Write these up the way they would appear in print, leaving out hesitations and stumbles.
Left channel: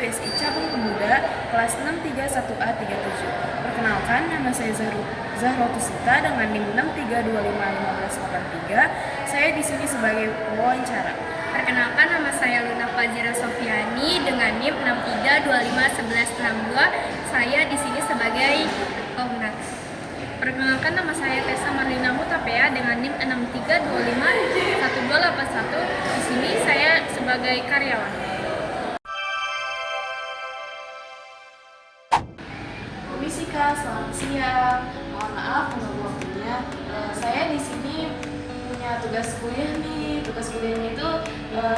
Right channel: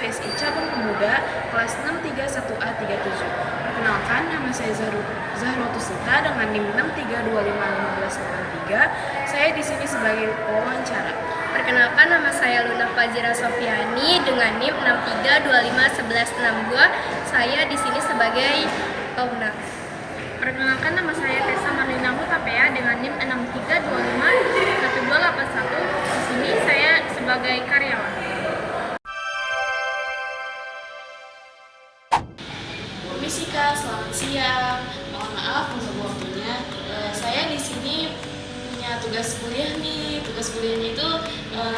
BSI Cabang Pemuda kelas 631A37. Perkenalkan, nama saya Zahrotusita dengan NIM 632551583. Saya di sini sebagai pewawancara. Perkenalkan, nama saya Luna Fazira Sofiani dengan NIM 63251162. Saya di sini sebagai owner. Perkenalkan, nama saya Kesa Marlina Hutapea dengan NIM 63251281. Di sini saya sebagai karyawan. Permisi Kak, selamat siang. Mohon maaf mengganggu waktunya. Saya di sini punya tugas kuliah nih. Tugas kuliahnya itu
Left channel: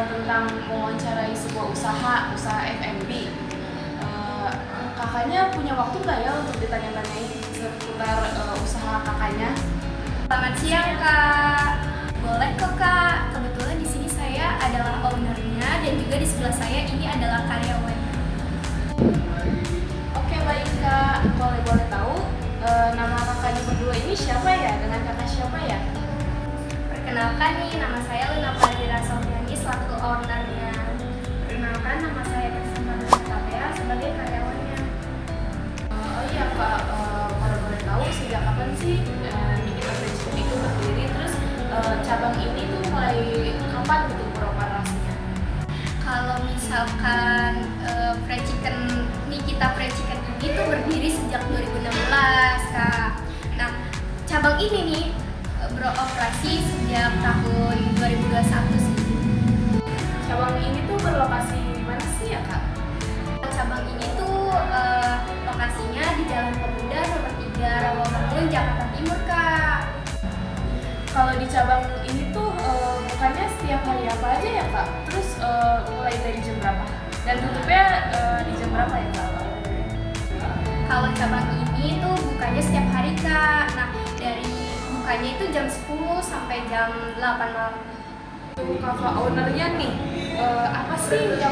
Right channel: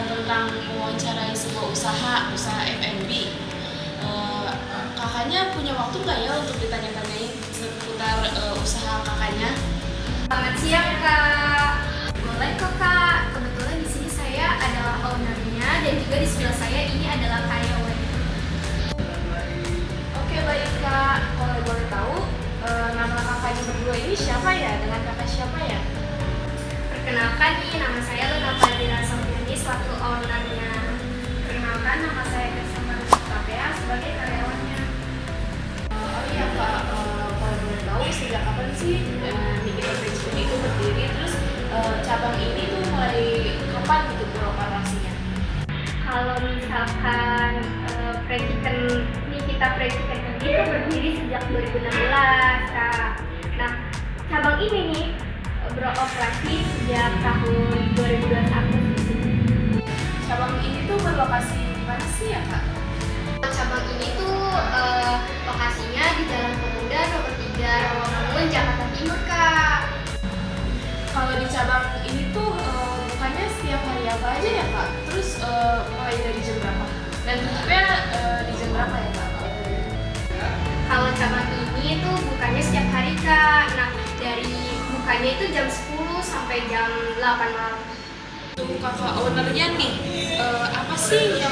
tentang mewawancarai sebuah usaha F&B. Kakaknya punya waktu nggak ya untuk ditanya-tanyain seputar usaha kakaknya? Selamat siang Kak. Boleh kok Kak. Kebetulan di sini saya adalah ownernya dan juga di sebelah saya ini adalah karyawannya. Oke baik Kak, kalau boleh tahu nama kakaknya berdua ini siapa ya? Dengan kakak siapa ya? Perkenalkan nih, nama saya Luna Fazira Sofiani selaku ownernya. Perkenalkan, nama saya Kesa Marlina Hutapea sebagai karyawannya. Oh iya Kak, kalau boleh tahu sejak kapan sih Nikita Fried Chicken itu berdiri? Terus cabang ini tuh mulai kapan gitu beroperasinya? Kalau misalkan Nikita Fried Chicken ini tuh berdiri sejak 2016 Kak. Nah, cabang ini nih beroperasi sejak tahun 2021 sih. Cabang ini tuh berlokasi di mana sih ya Kak? Cabang ini tuh lokasinya di Jalan Pemuda nomor 3 Rawamangun, Jakarta Timur Kak. Kalau di cabang ini tuh bukannya setiap hari apa aja ya Kak? Terus mulai dari jam berapa? Dan tutupnya di jam berapa ya Kak? Kalau cabang ini tuh bukannya setiap hari Kak. Nah, dari bukanya itu jam 10 sampai jam 8 malam. Untuk kakak ownernya nih, apa sih yang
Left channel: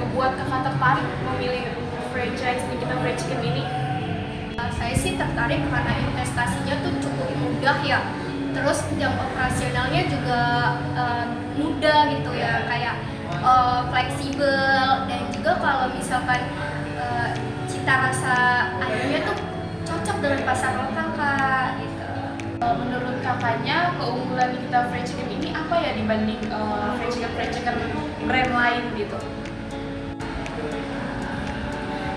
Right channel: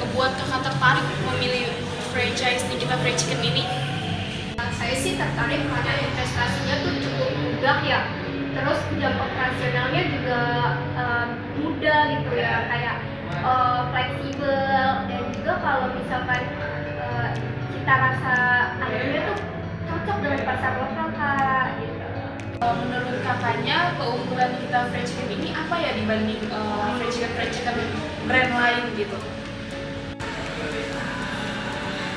ngebuat kakak tertarik memilih franchise Nikita Fried Chicken ini? Saya sih tertarik karena investasinya tuh cukup mudah ya. Terus jam operasionalnya juga mudah gitu ya, kayak fleksibel, dan juga kalau misalkan cita rasa ayamnya tuh cocok dengan pasar lokal Kak gitu. Menurut kakaknya, keunggulan Nikita Fried Chicken ini apa ya dibanding fried chicken brand lain gitu?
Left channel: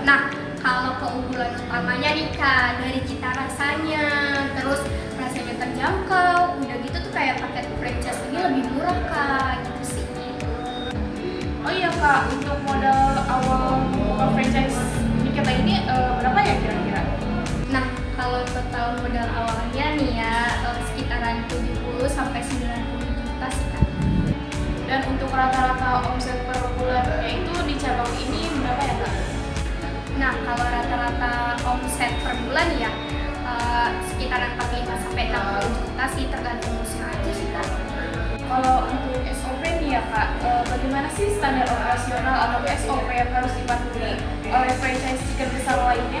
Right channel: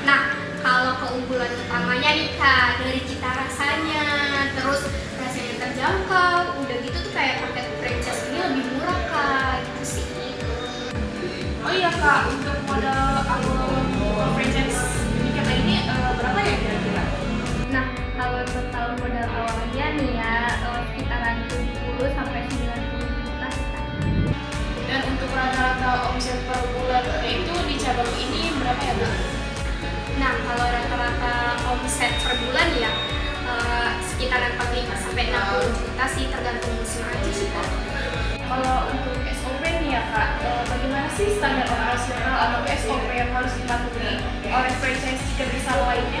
Nah, kalau keunggulan utamanya nih Kak, dari cita rasanya, terus rasanya terjangkau, udah gitu tuh kayak paket franchise ini lebih murah Kak, gitu sih. Oh iya Kak, untuk modal awal buka franchise Nikita ini berapa ya kira-kira? Nah, kalau total modal awalnya nih ya sekitaran 70 sampai 90 juta sih Kak. Dan untuk rata-rata omset per bulannya itu di cabang ini berapa ya Kak? Nah, kalau rata-rata omset per bulan ya sekitaran 45 sampai 60 juta sih, tergantung musim aja sih Kak. Kalau untuk SOP nih ya Kak, bagaimana sih standar operasional atau SOP yang harus dipatuhi oleh franchise chicken besar lainnya?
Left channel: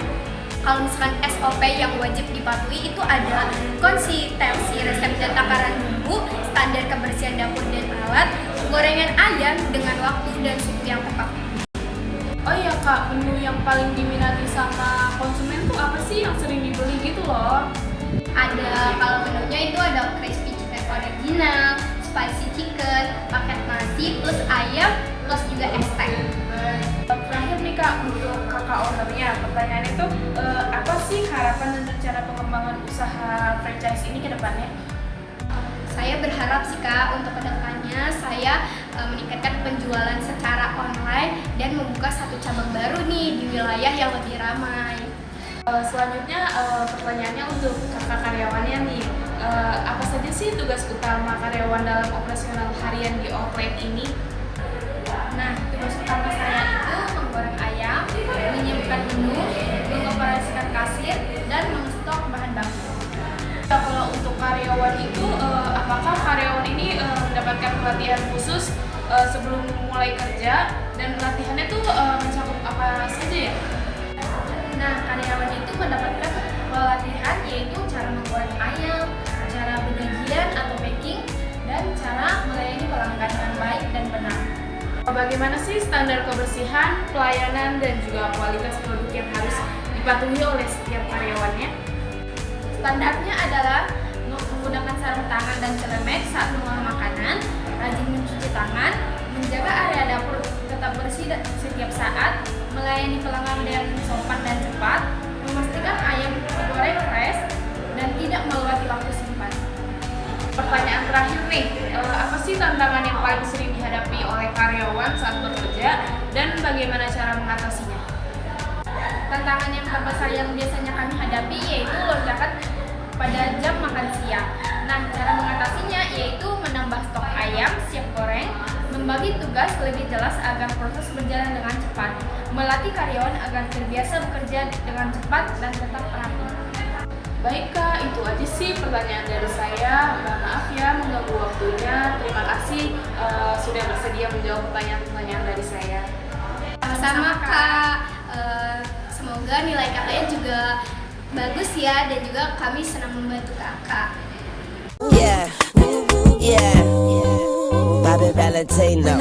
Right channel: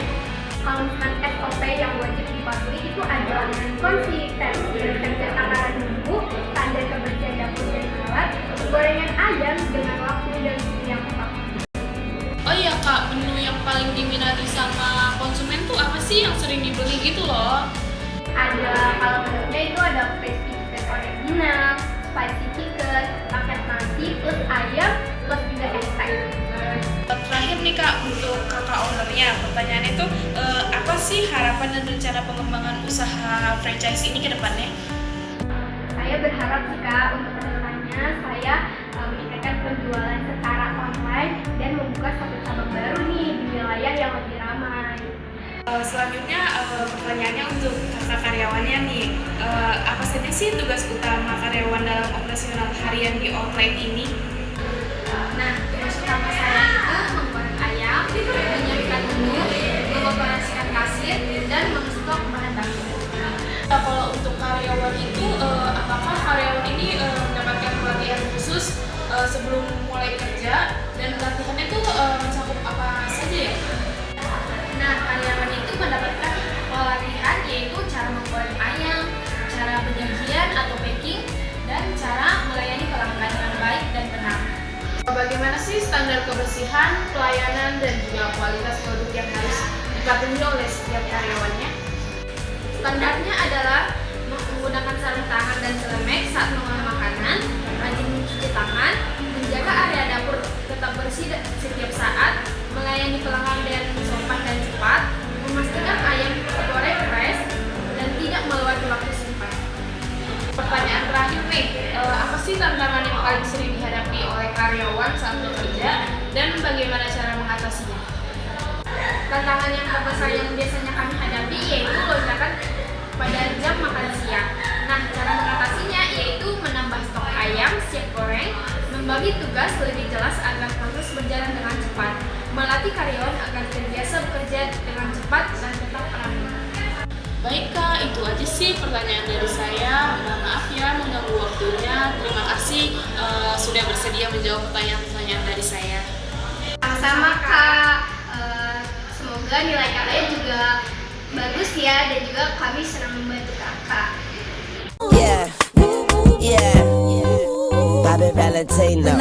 Kalau misalkan SOP yang wajib dipatuhi itu ada konsistensi resep dan takaran bumbu, standar kebersihan dapur dan alat, penggorengan ayam dengan waktu dan suhu yang tepat. Oh iya Kak, menu yang paling diminati sama konsumen tuh apa sih yang sering dibeli gitu loh? Ada, kalau menunya itu ada crispy chicken original, spicy chicken, paket nasi plus ayam plus juga es teh. Terakhir nih Kak, untuk kakak ownernya, pertanyaannya itu apa sih harapan dan rencana pengembangan usaha franchise ini ke depannya? Saya berharap sih Kak, untuk kedepannya saya meningkatkan penjualan secara online dan membuka satu cabang baru nih di wilayah yang lebih ramai. Selanjutnya pertanyaannya untuk kakak karyawannya nih, apa saja sih tugas utama karyawan dalam operasional harian di outlet ini? Nah, tugas utama saya itu menggoreng ayam, menyiapkan menu, mengoperasikan kasir, dan menstok bahan baku. Nah, kalau untuk karyawan itu, apakah karyawan ini mendapatkan pelatihan khusus sebelum mulai kerja, dan pelatihannya tuh mencakup apa saja ya? Nah, karyawan itu mendapatkan pelatihan yaitu cara menggoreng ayam, cara penyajian atau packing, dan cara melayani pelanggan yang baik dan benar. Bagaimana sih standar kebersihan, pelayanan, dan juga kualitas produk yang harus dipatuhi oleh setiap karyawannya? Standarnya adalah menggunakan sarung tangan dan celemek saat mengolah makanan, rajin mencuci tangan, menjaga area dapur tetap bersih setiap saat, melayani pelanggan dengan sopan dan cepat, memastikan ayam tergoreng fresh, dan tidak melewati waktu simpan. Pertanyaan terakhir nih, apa sih tantangan yang paling sering dihadapi oleh karyawan saat bekerja dan bagaimana cara mengatasinya? Tantangan yang terbesar yang biasanya kami hadapi yaitu lonjakan pada jam makan siang. Nah, cara mengatasinya yaitu menambah stok ayam siap goreng, membagi tugas lebih jelas agar proses berjalan dengan cepat, melatih karyawan agar terbiasa bekerja dengan cepat dan tetap rapi. Baik Kak, itu aja sih pertanyaan dari saya. Mohon maaf ya mengganggu waktunya. Terima kasih sudah bersedia menjawab pertanyaan-pertanyaan dari saya. Sama-sama Kak. Semoga nilai kalian juga bagus ya, dan juga kami senang membantu Kakak. Yeah, yeah, Bobby Valentino.